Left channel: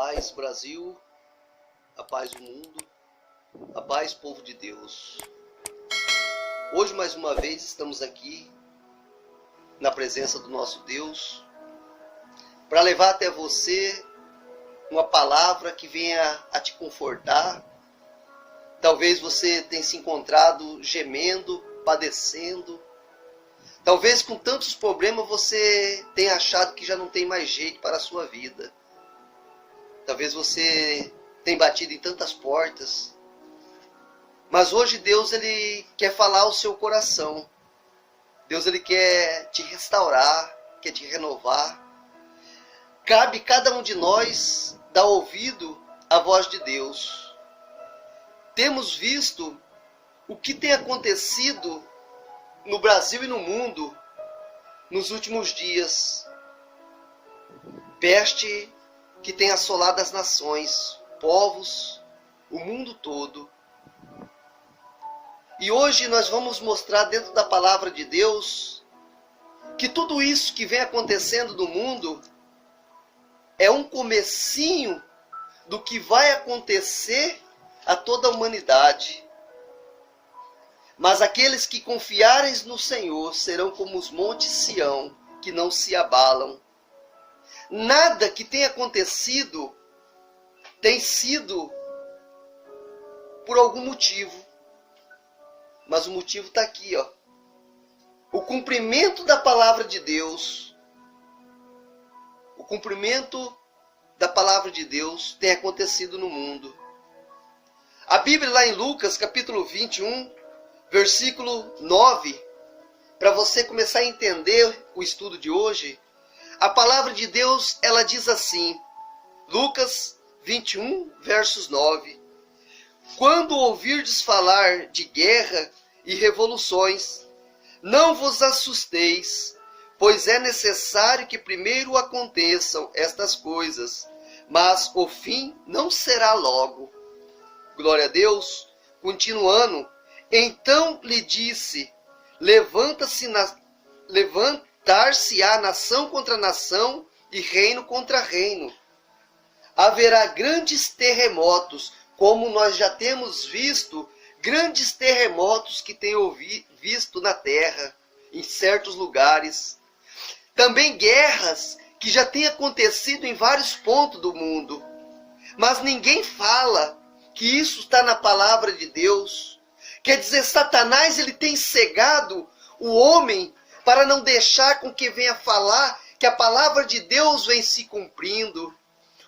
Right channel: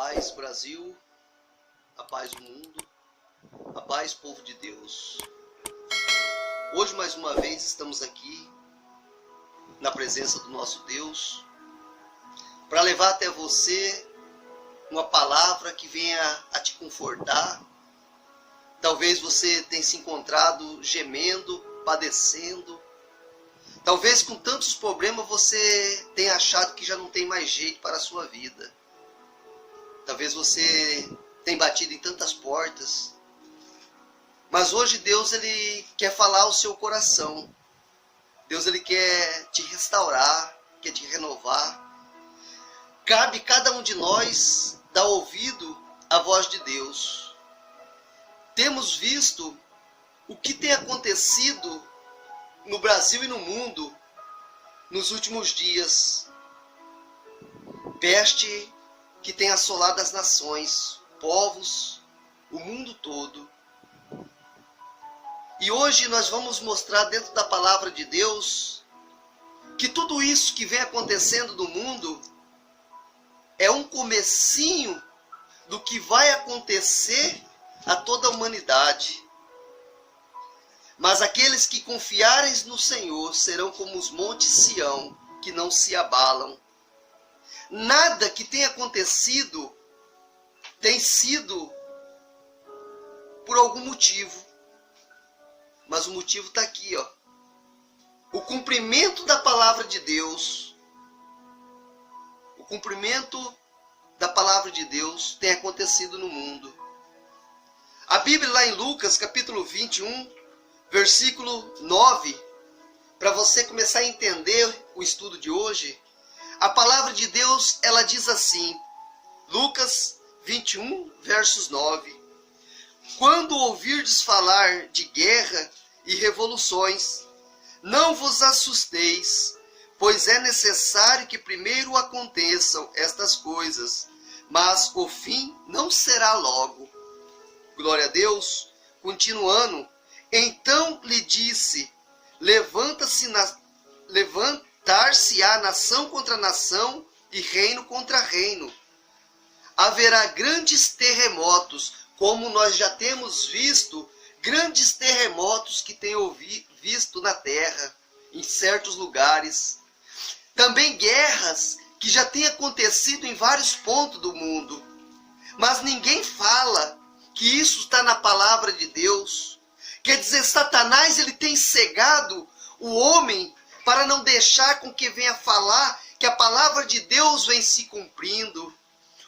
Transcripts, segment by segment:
paz, Brasil, a paz do mundo, a paz, povo de Deus. Hoje, mais uma vez, estamos aqui na presença do nosso Deus para levar até você uma palavra que venha a te confortar. Talvez você tenha se encontrado gemendo, padecendo. Talvez com tantos problemas você tenha achado que já não tem mais jeito para a sua vida. Talvez você tenha batido em tantas portas. Mas hoje Deus ele quer falar ao seu coração. Deus ele quer te restaurar, quer te renovar. Cabe cada um de nós dar ouvido à voz de Deus. Temos visto o que tem acontecido no Brasil e no mundo nos últimos dias. Peste que tem assolado as nações, povos, o mundo todo. E hoje nós vamos mostrar dentro da palavra de Deus que tudo isso que vem acontecendo no mundo é um comecinho do que vai acontecer a toda a humanidade. Mas aqueles que confiarem no Senhor serão como os montes Sião, que não se abalam. Nada que tenha acontecido tem sido por algum motivo. Mas o motivo está aqui, ó. O cumprimento da palavra de Deus. O cumprimento da palavra de Deus tem acontecido no mundo. A Bíblia lá em Lucas, capítulo 21, versículo 9, para você começar a entender o estudo de hoje, a palavra de Deus, ela diz assim, Lucas 21, versos 9. Quando ouvirdes falar de guerra e revoluções, não vos assusteis, pois é necessário que primeiro aconteçam estas coisas, mas o fim não será logo. Glória a Deus. Continuando, então lhe disse, levantar-se-á nação contra nação e reino contra reino. Haverá grandes terremotos, como nós já temos visto, grandes terremotos que tem visto na terra, em certos lugares. Também guerras que já têm acontecido em vários pontos do mundo. Mas ninguém fala que isso está na palavra de Deus. Quer dizer, Satanás ele tem cegado o homem para não deixar com que venha falar que a palavra de Deus vem se cumprindo.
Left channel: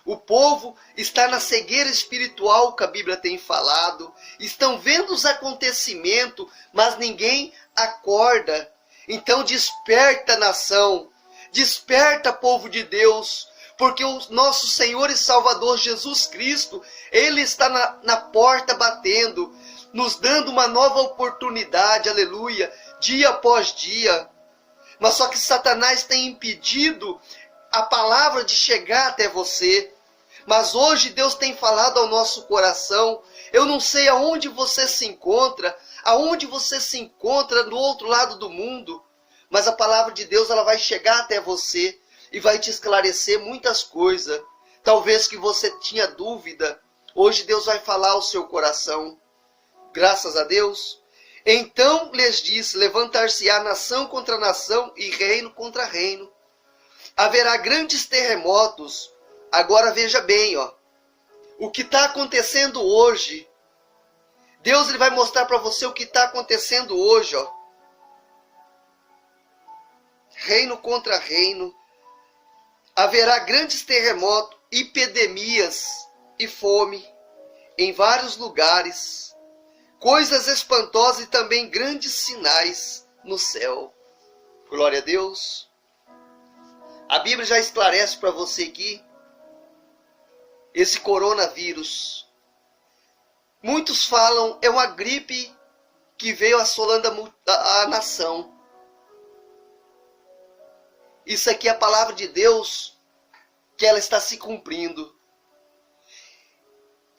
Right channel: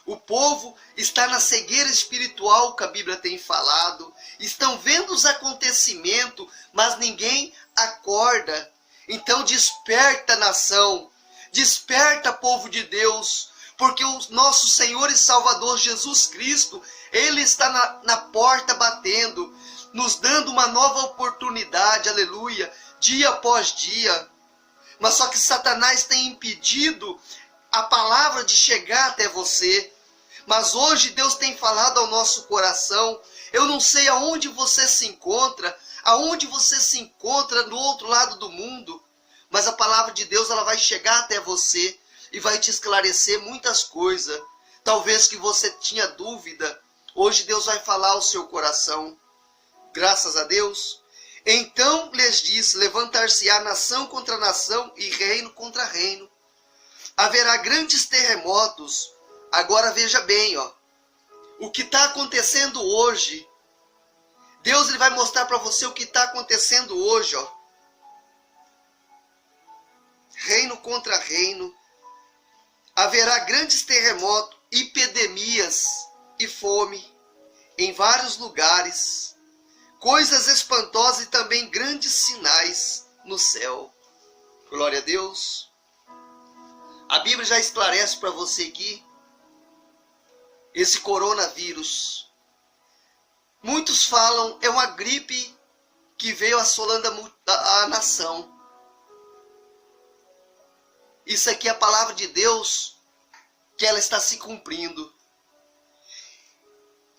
O povo está na cegueira espiritual que a Bíblia tem falado. Estão vendo os acontecimentos, mas ninguém acorda. Então desperta, nação. Desperta, povo de Deus. Porque o nosso Senhor e Salvador Jesus Cristo, Ele está na porta batendo, nos dando uma nova oportunidade, aleluia, dia após dia. Mas só que Satanás tem impedido a palavra de chegar até você. Mas hoje Deus tem falado ao nosso coração. Eu não sei aonde você se encontra, no outro lado do mundo, mas a palavra de Deus ela vai chegar até você e vai te esclarecer muitas coisas. Talvez que você tinha dúvida, hoje Deus vai falar ao seu coração. Graças a Deus. Então lhes disse, levantar-se-á nação contra nação e reino contra reino. Haverá grandes terremotos. Agora veja bem, ó, o que está acontecendo hoje. Deus ele vai mostrar para você o que está acontecendo hoje, ó. Reino contra reino. Haverá grandes terremotos, epidemias e fome em vários lugares. Coisas espantosas e também grandes sinais no céu. Glória a Deus. A Bíblia já esclarece para você aqui esse coronavírus. Muitos falam é uma gripe que veio assolando a nação. Isso aqui é a palavra de Deus que ela está se cumprindo.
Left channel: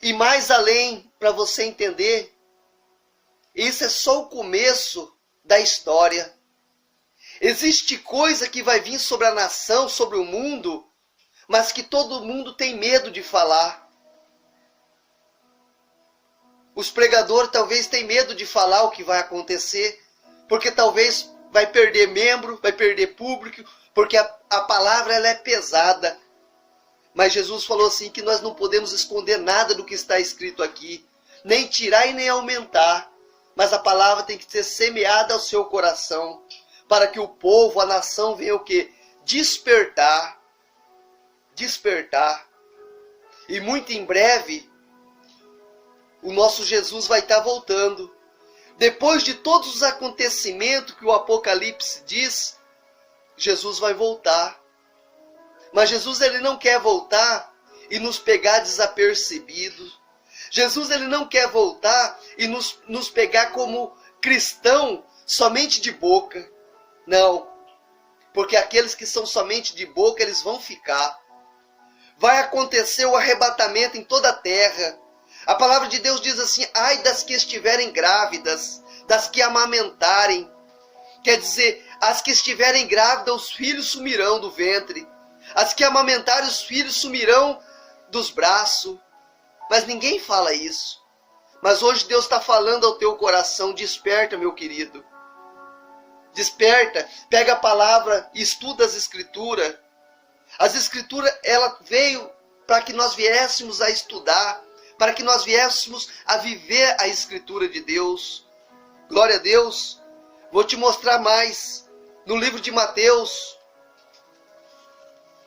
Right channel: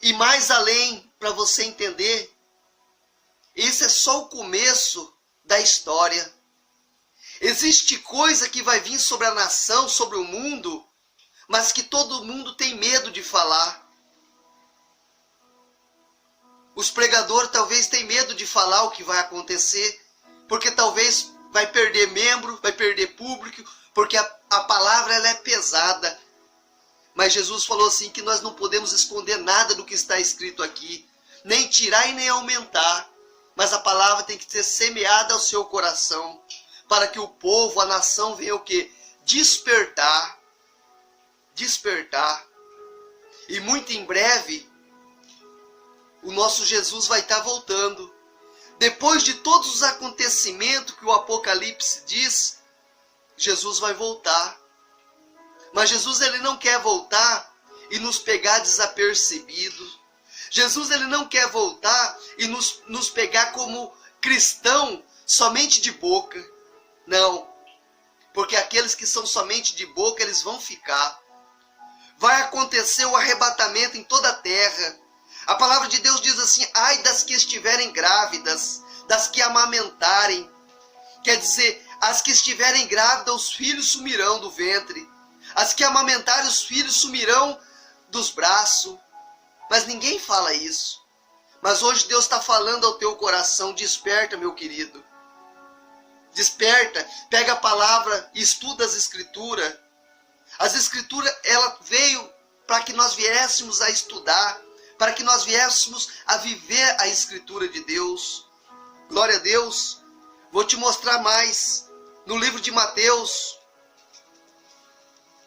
E mais além, para você entender, isso é só o começo da história. Existe coisa que vai vir sobre a nação, sobre o mundo, mas que todo mundo tem medo de falar. Os pregadores talvez tenham medo de falar o que vai acontecer, porque talvez vai perder membro, vai perder público, porque a palavra ela é pesada. Mas Jesus falou assim que nós não podemos esconder nada do que está escrito aqui, nem tirar e nem aumentar, mas a palavra tem que ser semeada ao seu coração, para que o povo, a nação venha o quê? Despertar. Despertar. E muito em breve, o nosso Jesus vai estar voltando. Depois de todos os acontecimentos que o Apocalipse diz, Jesus vai voltar. Mas Jesus ele não quer voltar e nos pegar desapercebidos. Jesus ele não quer voltar e nos pegar como cristão somente de boca. Não. Porque aqueles que são somente de boca, eles vão ficar. Vai acontecer o arrebatamento em toda a terra. A palavra de Deus diz assim: ai das que estiverem grávidas, das que amamentarem. Quer dizer, as que estiverem grávidas, os filhos sumirão do ventre. As que amamentarem, os filhos sumirão dos braços. Mas ninguém fala isso. Mas hoje Deus está falando ao teu coração: desperta, meu querido. Desperta, pega a palavra e estuda as Escrituras. As Escrituras, ela veio para que nós viéssemos a estudar, para que nós viéssemos a viver a Escritura de Deus. Glória a Deus. Vou te mostrar mais. No livro de Mateus,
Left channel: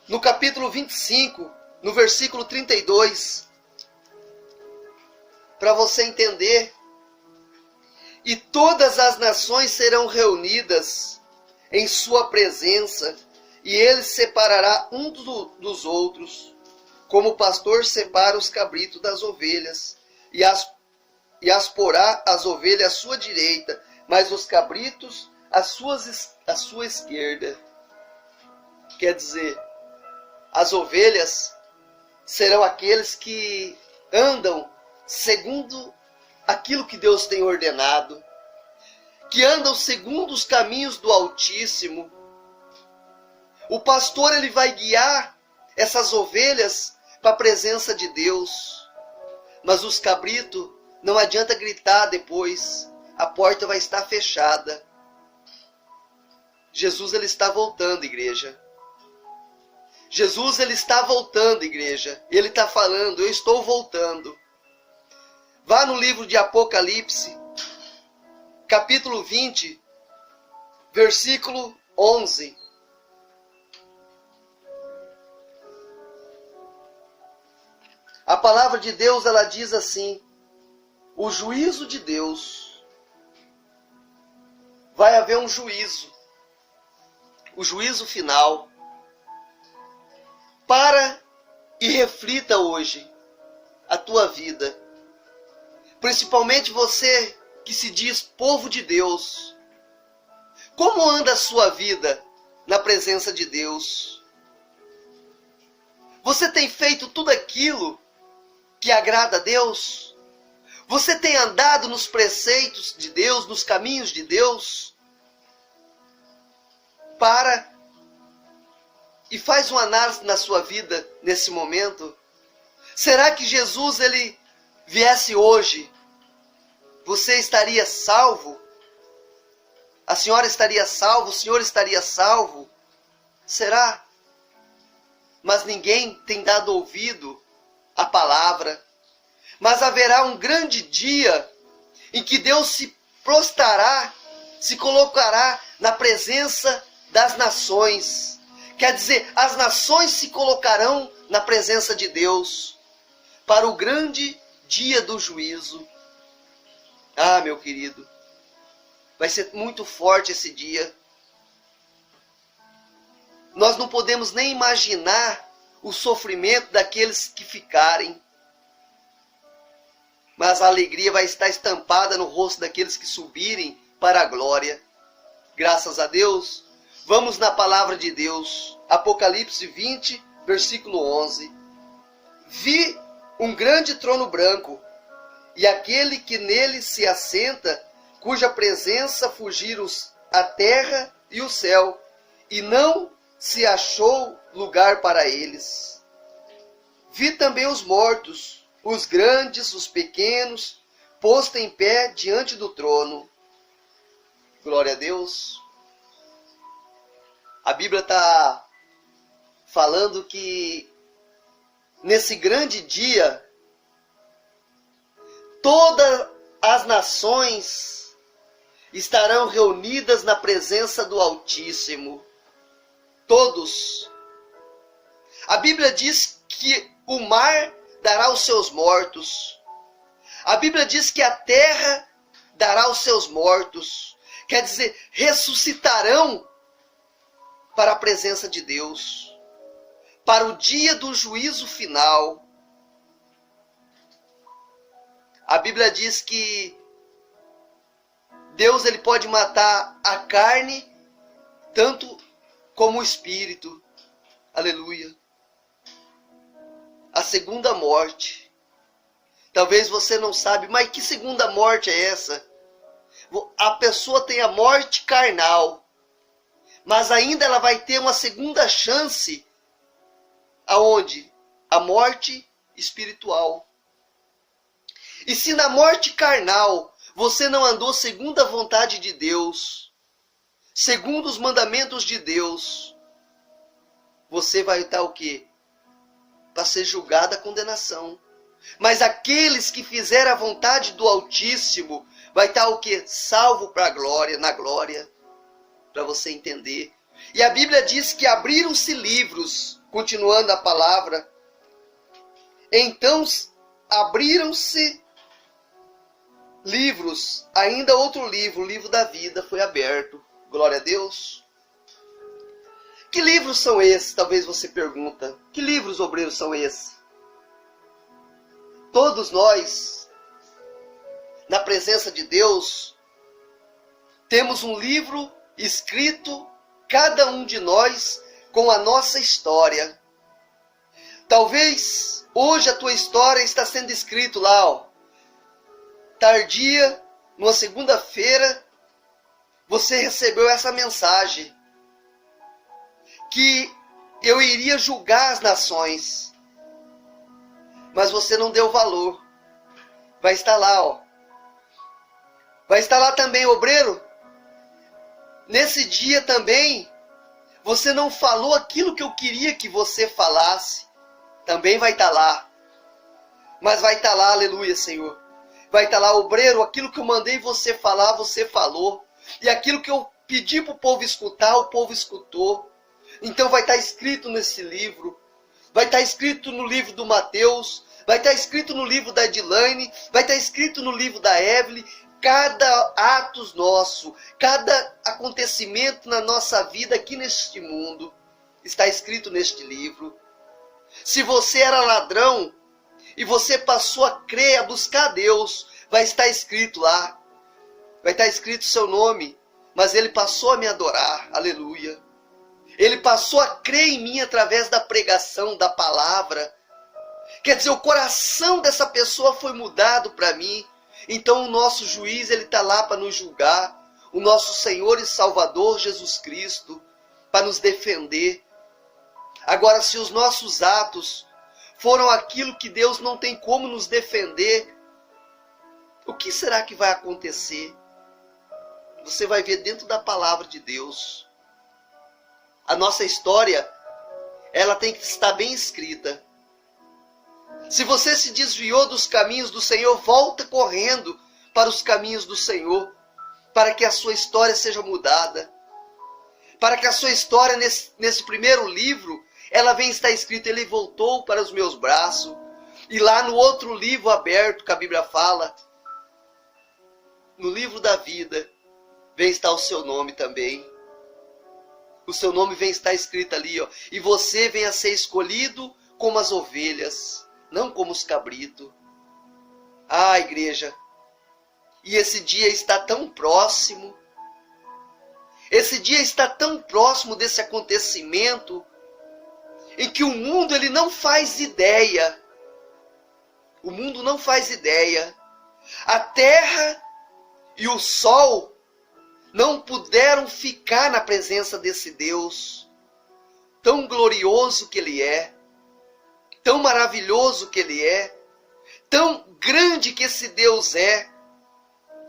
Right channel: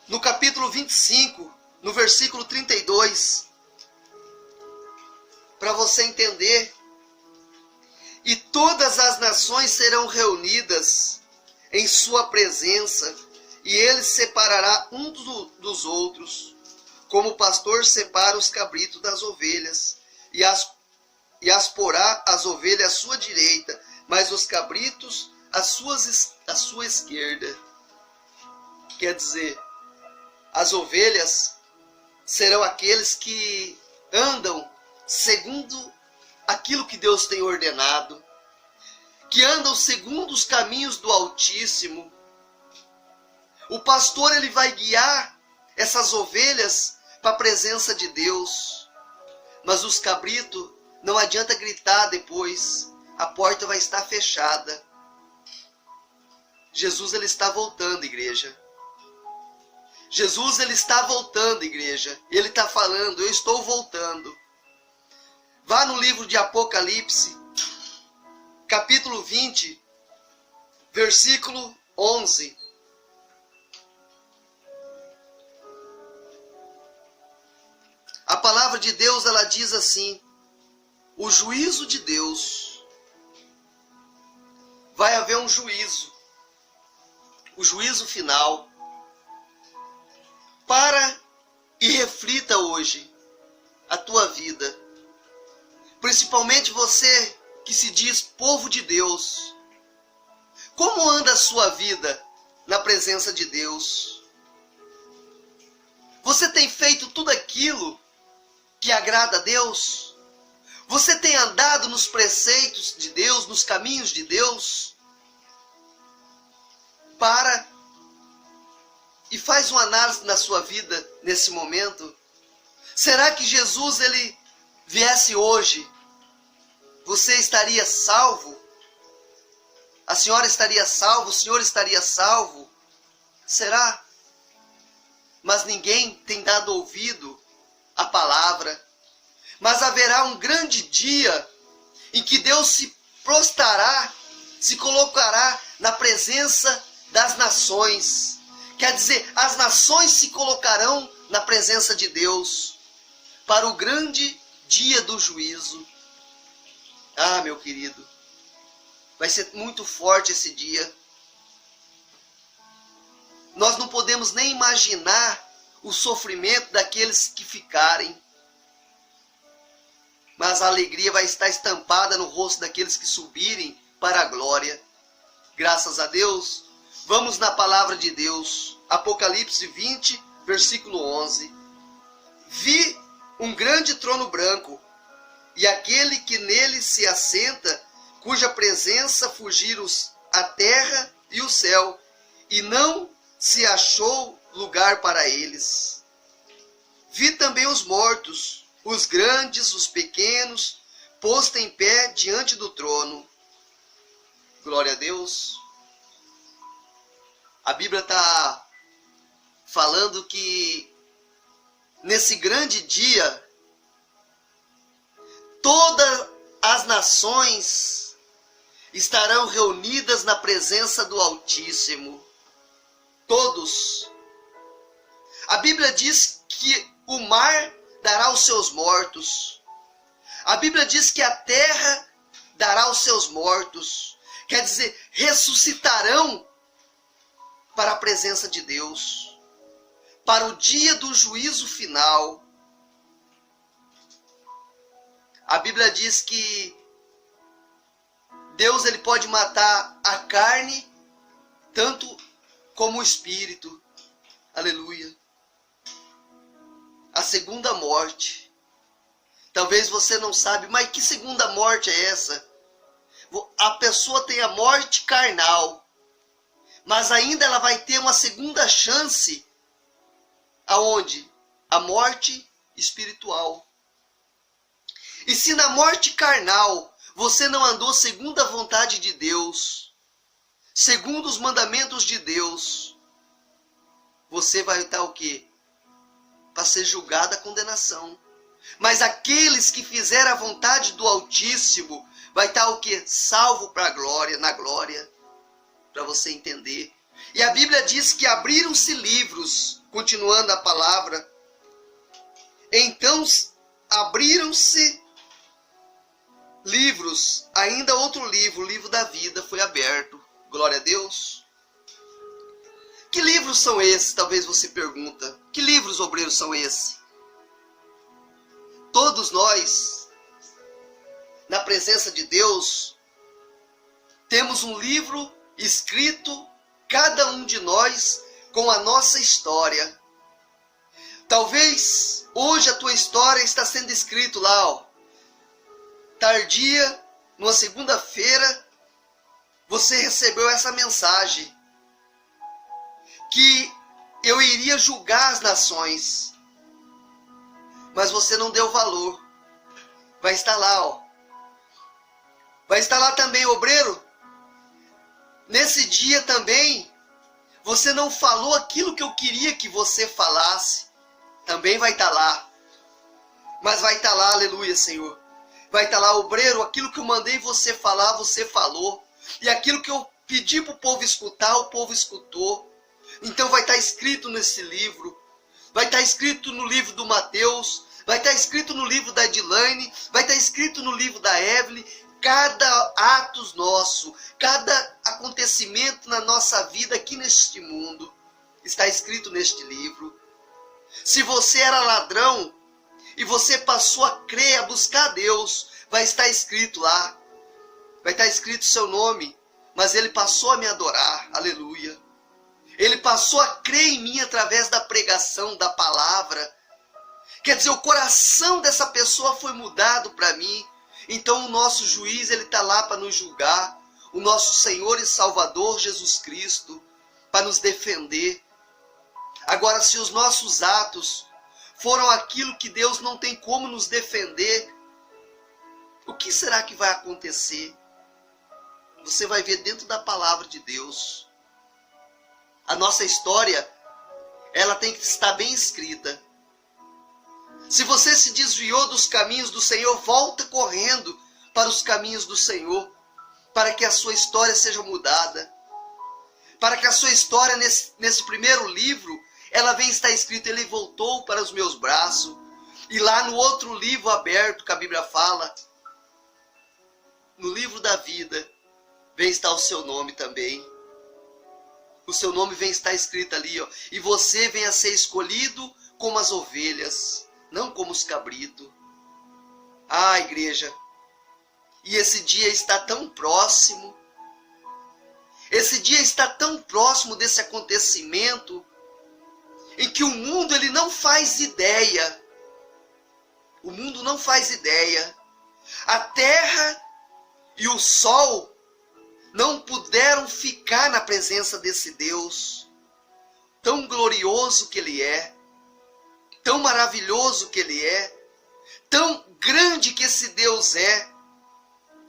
no capítulo 25, no versículo 32, para você entender. E todas as nações serão reunidas em sua presença, e ele separará uns dos outros, como o pastor separa os cabritos das ovelhas, e as porá as ovelhas à sua direita, mas os cabritos à sua esquerda. Quer dizer, as ovelhas serão aqueles que andam segundo aquilo que Deus tem ordenado, que andam segundo os caminhos do Altíssimo. O pastor ele vai guiar essas ovelhas para a presença de Deus. Mas os cabritos, não adianta gritar depois, a porta vai estar fechada. Jesus ele está voltando, igreja. Jesus ele está voltando, igreja. Ele está falando: eu estou voltando. Vá no livro de Apocalipse, capítulo 20, versículo 11. A palavra de Deus, ela diz assim: o juízo de Deus. Vai haver um juízo. O juízo final. Para e reflita hoje a tua vida. Principalmente você que se diz povo de Deus. Como anda a sua vida na presença de Deus? Você tem feito tudo aquilo que agrada a Deus? Você tem andado nos preceitos de Deus, nos caminhos de Deus? Para e faz uma análise na sua vida nesse momento. Será que Jesus ele viesse hoje, você estaria salvo? A senhora estaria salvo? O senhor estaria salvo? Será? Mas ninguém tem dado ouvido à palavra. Mas haverá um grande dia em que Deus se prostrará, se colocará na presença das nações. Quer dizer, as nações se colocarão na presença de Deus para o grande dia do juízo. Ah, meu querido, vai ser muito forte esse dia. Nós não podemos nem imaginar o sofrimento daqueles que ficarem. Mas a alegria vai estar estampada no rosto daqueles que subirem para a glória. Graças a Deus. Vamos na palavra de Deus. Apocalipse 20, versículo 11. Vi um grande trono branco, e aquele que nele se assenta, cuja presença fugiram a terra e o céu, e não se achou lugar para eles. Vi também os mortos, os grandes, os pequenos, posto em pé diante do trono. Glória a Deus. A Bíblia está falando que nesse grande dia, todas as nações estarão reunidas na presença do Altíssimo. Todos. A Bíblia diz que o mar dará os seus mortos. A Bíblia diz que a terra dará os seus mortos. Quer dizer, ressuscitarão para a presença de Deus, para o dia do juízo final. A Bíblia diz que Deus ele pode matar a carne tanto como o espírito. Aleluia. A segunda morte. Talvez você não sabe, mas que segunda morte é essa? A pessoa tem a morte carnal, mas ainda ela vai ter uma segunda chance. Aonde? A morte espiritual. E se na morte carnal você não andou segundo a vontade de Deus, segundo os mandamentos de Deus, você vai estar o quê? Para ser julgado a condenação. Mas aqueles que fizeram a vontade do Altíssimo, vai estar o quê? Salvo para a glória, na glória. Para você entender. E a Bíblia diz que abriram-se livros, continuando a palavra. Então abriram-se livros, ainda outro livro, o livro da vida foi aberto. Glória a Deus. Que livros são esses? Talvez você pergunta. Que livros, obreiros, são esses? Todos nós, na presença de Deus, temos um livro escrito, cada um de nós, com a nossa história. Talvez hoje a tua história está sendo escrito lá, ó. Tardia, numa segunda-feira, você recebeu essa mensagem. Que eu iria julgar as nações. Mas você não deu valor. Vai estar lá, ó. Vai estar lá também, obreiro. Nesse dia também, você não falou aquilo que eu queria que você falasse. Também vai estar lá. Mas vai estar lá, aleluia, Senhor. Vai estar lá, obreiro, aquilo que eu mandei você falar, você falou. E aquilo que eu pedi para o povo escutar, o povo escutou. Então vai estar escrito nesse livro. Vai estar escrito no livro do Mateus. Vai estar escrito no livro da Edilane. Vai estar escrito no livro da Evelyn. Cada ato nosso, cada acontecimento na nossa vida aqui neste mundo está escrito neste livro. Se você era ladrão e você passou a crer, a buscar a Deus, vai estar escrito lá. Vai estar escrito seu nome, mas ele passou a me adorar. Aleluia. Ele passou a crer em mim através da pregação, da palavra. Quer dizer, o coração dessa pessoa foi mudado para mim. Então o nosso juiz, ele está lá para nos julgar. O nosso Senhor e Salvador Jesus Cristo, para nos defender. Agora, se os nossos atos foram aquilo que Deus não tem como nos defender, o que será que vai acontecer? Você vai ver dentro da palavra de Deus. A nossa história, ela tem que estar bem escrita. Se você se desviou dos caminhos do Senhor, volta correndo para os caminhos do Senhor, para que a sua história seja mudada. Para que a sua história, nesse primeiro livro, ela venha estar escrita, ele voltou para os meus braços. E lá no outro livro aberto, que a Bíblia fala, no livro da vida, vem estar o seu nome também. O seu nome vem estar escrito ali, ó. E você vem a ser escolhido como as ovelhas, não como os cabritos. Ah, igreja. E esse dia está tão próximo. Esse dia está tão próximo desse acontecimento em que o mundo ele não faz ideia. O mundo não faz ideia. A terra e o sol não puderam ficar na presença desse Deus. tão glorioso que Ele é, tão maravilhoso que Ele é, tão grande que esse Deus é.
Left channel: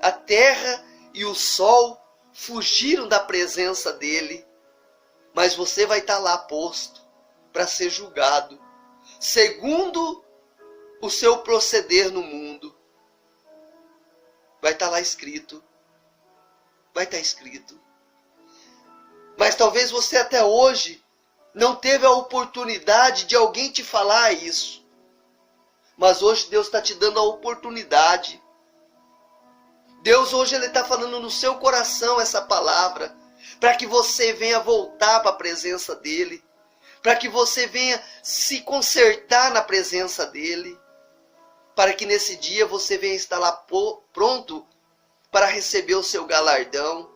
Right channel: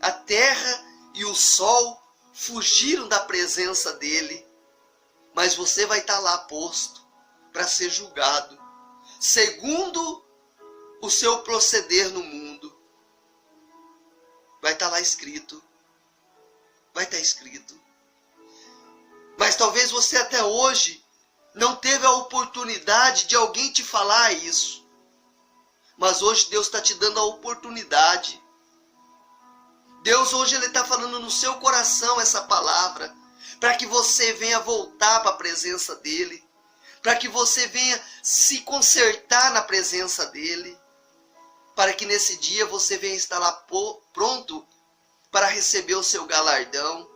A terra e o sol fugiram da presença dEle, mas você vai estar lá posto para ser julgado, segundo o seu proceder no mundo. Vai estar lá escrito. Vai estar escrito. Mas talvez você até hoje não teve a oportunidade de alguém te falar isso. Mas hoje Deus está te dando a oportunidade. Deus hoje Ele está falando no seu coração essa palavra, para que você venha voltar para a presença dEle, para que você venha se consertar na presença dEle, para que nesse dia você venha estar lá pronto para receber o seu galardão,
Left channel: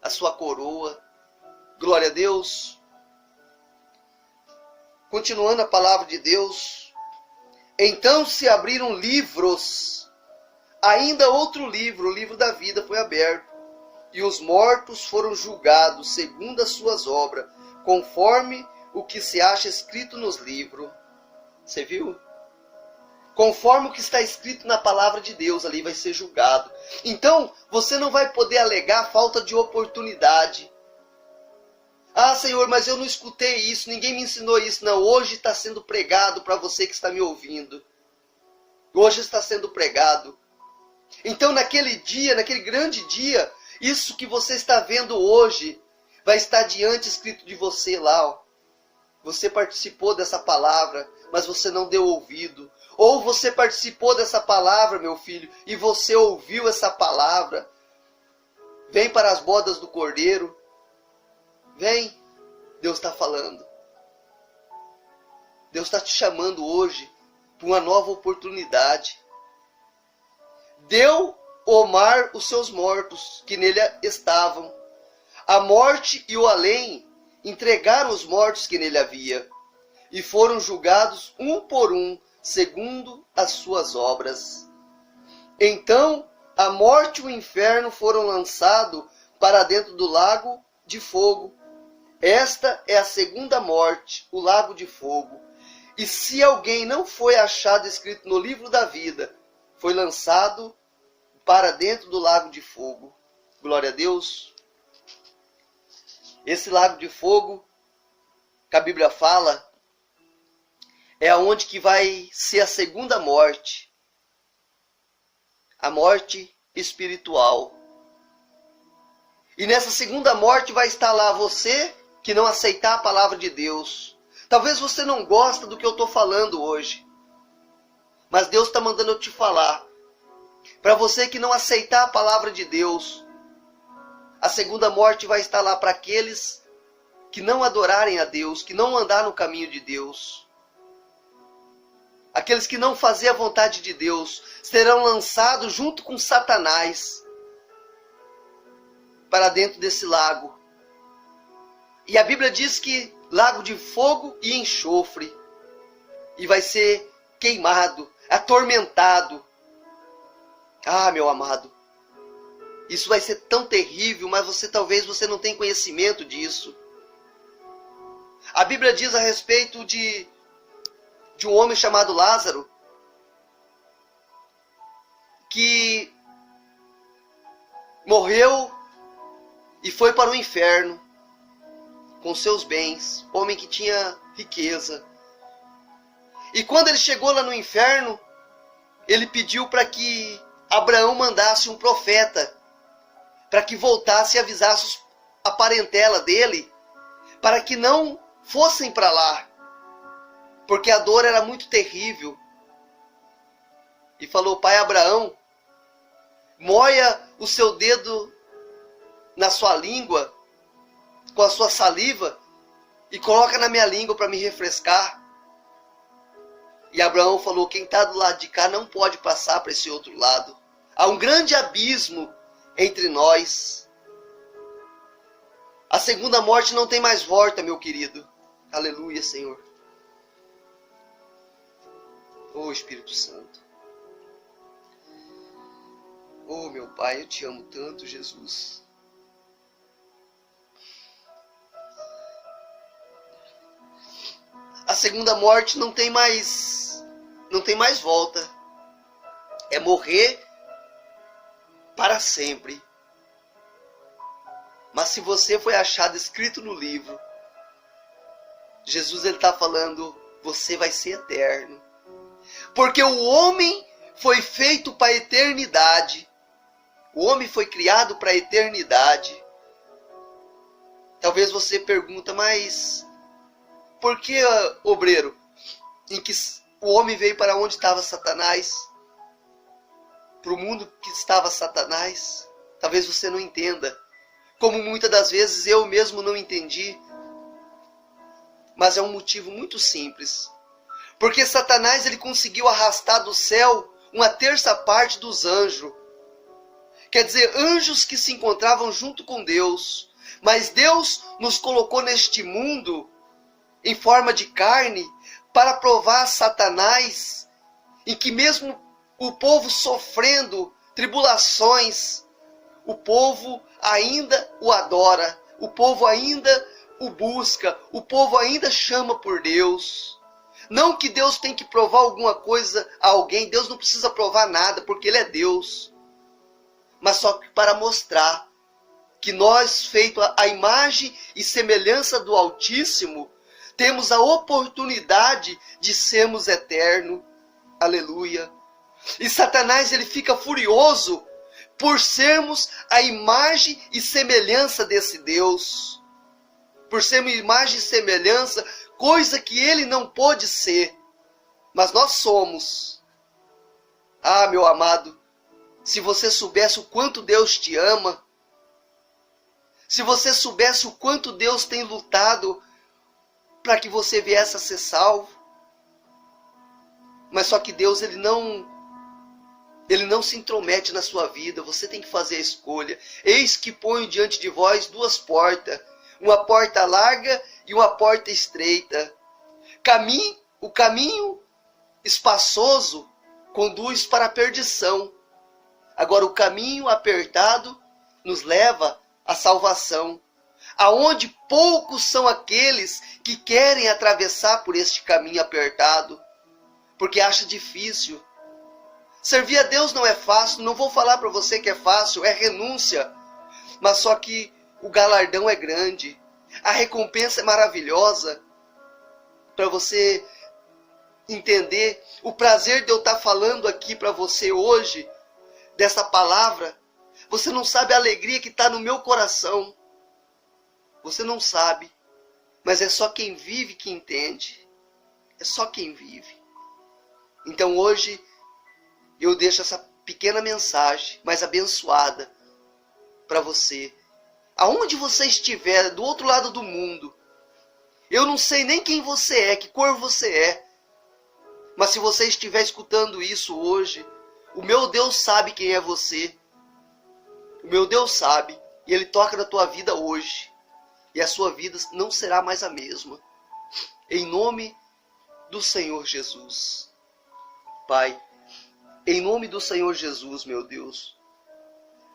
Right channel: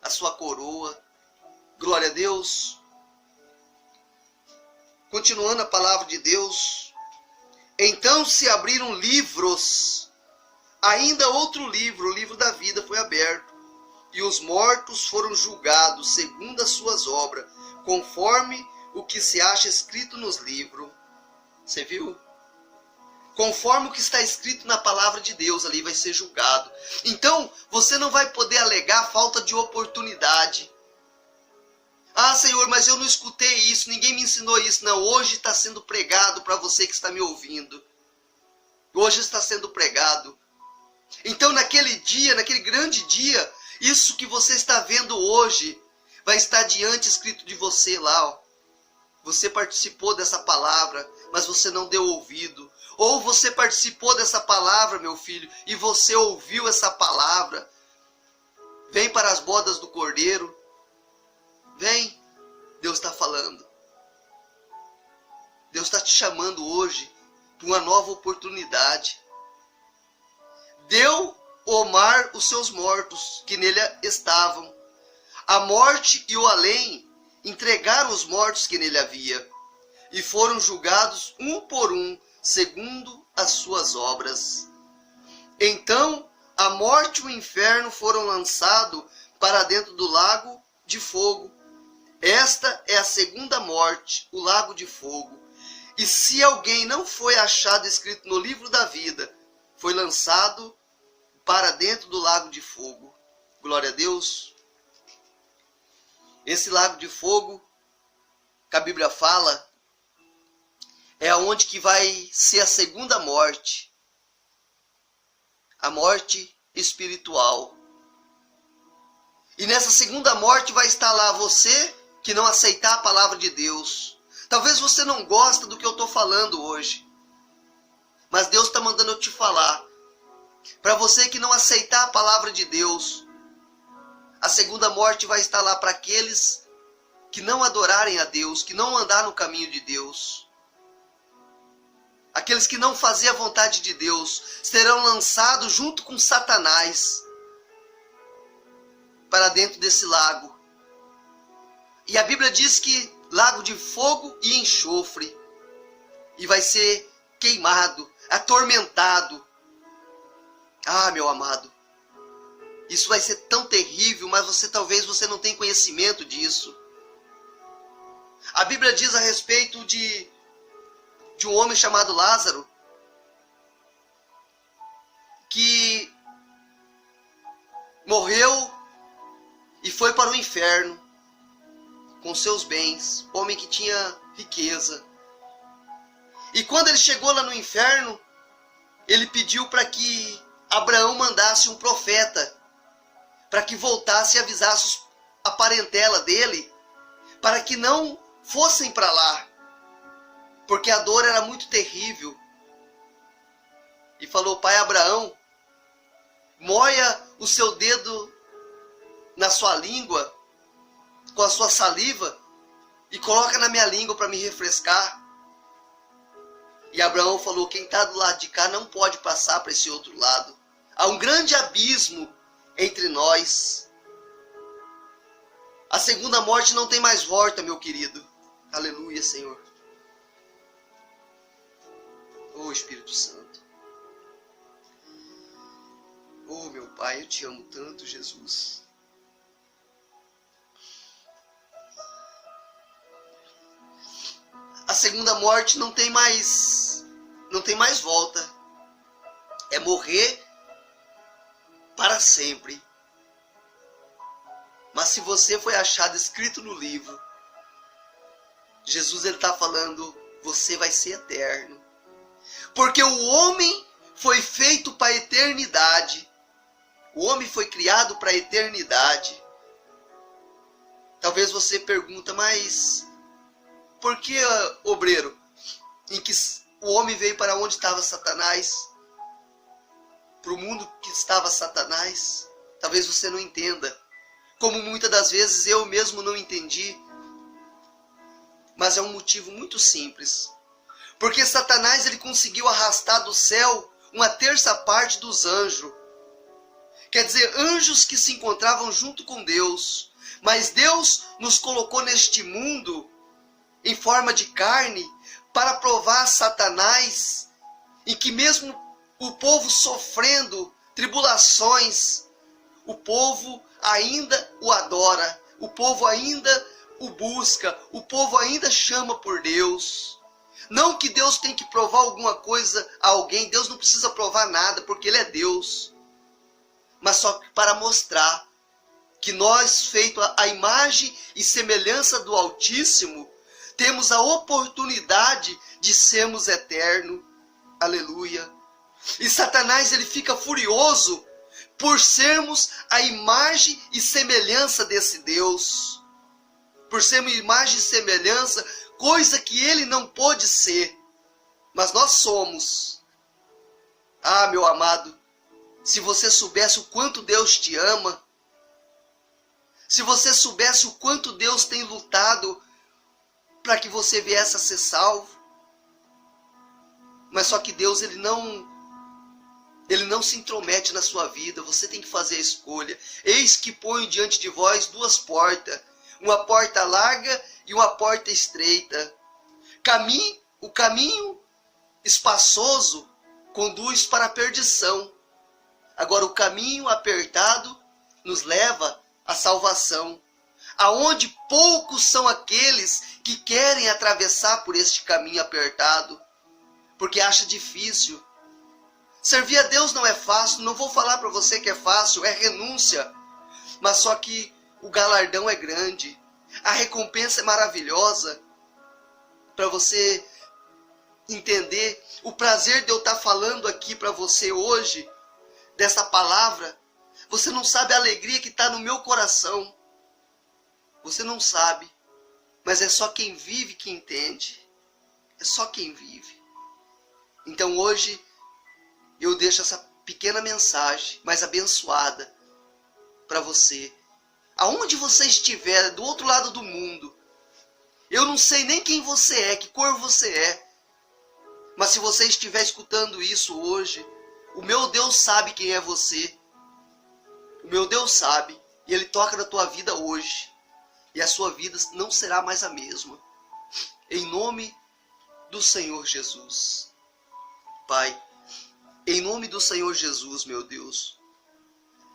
a sua coroa. Glória a Deus. Continuando a palavra de Deus. Então se abriram livros, ainda outro livro, o livro da vida foi aberto, e os mortos foram julgados segundo as suas obras, conforme o que se acha escrito nos livros. Você viu? Conforme o que está escrito na palavra de Deus, ali vai ser julgado. Então, você não vai poder alegar falta de oportunidade. Ah, Senhor, mas eu não escutei isso, ninguém me ensinou isso. Não, hoje está sendo pregado para você que está me ouvindo. Hoje está sendo pregado. Então, naquele dia, naquele grande dia, isso que você está vendo hoje, vai estar diante escrito de você lá, ó. Você participou dessa palavra, mas você não deu ouvido. Ou você participou dessa palavra, meu filho, e você ouviu essa palavra. Vem para as bodas do Cordeiro. Vem. Deus está falando. Deus está te chamando hoje para uma nova oportunidade. Deu o mar os seus mortos, que nele estavam. A morte e o além entregaram os mortos que nele havia, e foram julgados um por um, segundo as suas obras. Então a morte e o inferno foram lançados para dentro do lago de fogo. Esta é a segunda morte, o lago de fogo. E se alguém não foi achado escrito no livro da vida, foi lançado para dentro do lago de fogo. Glória a Deus. Esse lago de fogo, que a Bíblia fala, é aonde que vai ser a segunda morte. A morte espiritual. E nessa segunda morte vai estar lá você que não aceitar a palavra de Deus. Talvez você não goste do que eu estou falando hoje. Mas Deus está mandando eu te falar. Para você que não aceitar a palavra de Deus, a segunda morte vai estar lá para aqueles que não adorarem a Deus, que não andar no caminho de Deus. Aqueles que não fazem a vontade de Deus serão lançados junto com Satanás para dentro desse lago. E a Bíblia diz que lago de fogo e enxofre. E vai ser queimado, atormentado. Ah, meu amado, isso vai ser tão terrível, mas talvez você não tenha conhecimento disso. A Bíblia diz a respeito de um homem chamado Lázaro, que morreu e foi para o inferno com seus bens, homem que tinha riqueza. E quando ele chegou lá no inferno, ele pediu para que Abraão mandasse um profeta, para que voltasse e avisasse a parentela dele, para que não fossem para lá, porque a dor era muito terrível. E falou: pai Abraão, moia o seu dedo na sua língua, com a sua saliva, e coloca na minha língua para me refrescar. E Abraão falou: quem está do lado de cá não pode passar para esse outro lado. Há um grande abismo entre nós. A segunda morte não tem mais volta, meu querido. Aleluia, Senhor. Oh, Espírito Santo. Oh, meu Pai, eu te amo tanto, Jesus. segunda morte não tem mais volta. É morrer para sempre. Mas se você foi achado escrito no livro, Jesus está falando, você vai ser eterno. Porque o homem foi feito para a eternidade. O homem foi criado para a eternidade. Talvez você pergunta, mas por que, obreiro, em que o homem veio para onde estava Satanás? Para o mundo que estava Satanás? Talvez você não entenda. Como muitas das vezes eu mesmo não entendi. Mas é um motivo muito simples. Porque Satanás ele conseguiu arrastar do céu uma terça parte dos anjos. Quer dizer, anjos que se encontravam junto com Deus. Mas Deus nos colocou neste mundo em forma de carne para provar a Satanás em que mesmo o povo sofrendo tribulações, o povo ainda o adora, o povo ainda o busca, o povo ainda chama por Deus. Não que Deus tem que provar alguma coisa a alguém, Deus não precisa provar nada, porque Ele é Deus. Mas só para mostrar que nós, feito a imagem e semelhança do Altíssimo, temos a oportunidade de sermos eternos. Aleluia. E Satanás ele fica furioso por sermos a imagem e semelhança desse Deus. Por sermos imagem e semelhança, coisa que ele não pôde ser. Mas nós somos. Ah, meu amado, se você soubesse o quanto Deus te ama, se você soubesse o quanto Deus tem lutado para que você viesse a ser salvo. Mas só que Deus ele não se intromete na sua vida. Você tem que fazer a escolha. Eis que ponho diante de vós duas portas. Uma porta larga e uma porta estreita. O caminho espaçoso conduz para a perdição. Agora o caminho apertado nos leva à salvação. Aonde poucos são aqueles que querem atravessar por este caminho apertado. Porque acha difícil. Servir a Deus não é fácil. Não vou falar para você que é fácil. É renúncia. Mas só que o galardão é grande. A recompensa é maravilhosa. Para você entender o prazer de eu estar falando aqui para você hoje. Dessa palavra. Você não sabe a alegria que está no meu coração. Você não sabe. Mas é só quem vive que entende. É só quem vive. Então hoje eu deixo essa pequena mensagem, mais abençoada, para você. Aonde você estiver, do outro lado do mundo. Eu não sei nem quem você é, que cor você é. Mas se você estiver escutando isso hoje, o meu Deus sabe quem é você. O meu Deus sabe. E Ele toca na tua vida hoje. E a sua vida não será mais a mesma. Em nome do Senhor Jesus. Pai, em nome do Senhor Jesus, meu Deus.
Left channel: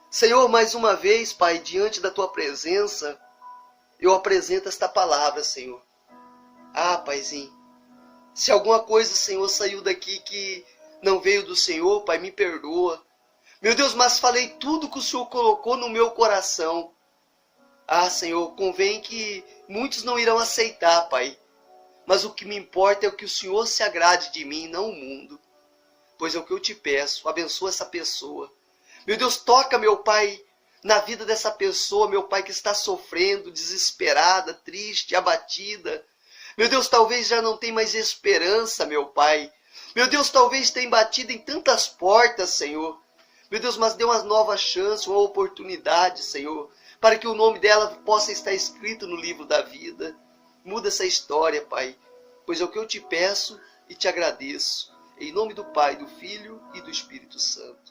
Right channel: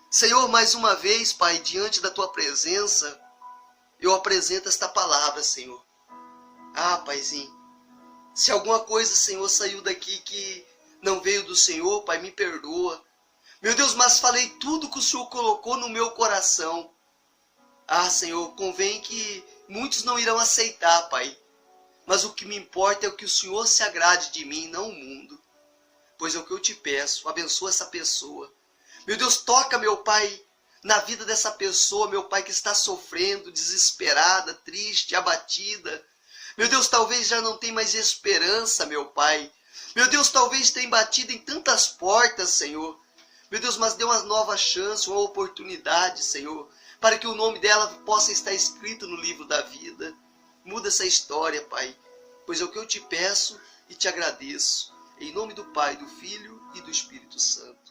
Senhor, mais uma vez, Pai, diante da Tua presença, eu apresento esta palavra, Senhor. Ah, Paizinho, se alguma coisa, Senhor, saiu daqui que não veio do Senhor, Pai, me perdoa. Meu Deus, mas falei tudo que o Senhor colocou no meu coração. Ah, Senhor, convém que muitos não irão aceitar, Pai. Mas o que me importa é o que o Senhor se agrade de mim, não o mundo. Pois é o que eu te peço, abençoa essa pessoa. Meu Deus, toca, meu Pai, na vida dessa pessoa, meu Pai, que está sofrendo, desesperada, triste, abatida. Meu Deus, talvez já não tenha mais esperança, meu Pai. Meu Deus, talvez tenha batido em tantas portas, Senhor. Meu Deus, mas dê uma nova chance, uma oportunidade, Senhor, para que o nome dela possa estar escrito no livro da vida. Muda essa história, Pai, pois é o que eu te peço e te agradeço. Em nome do Pai, do Filho e do Espírito Santo.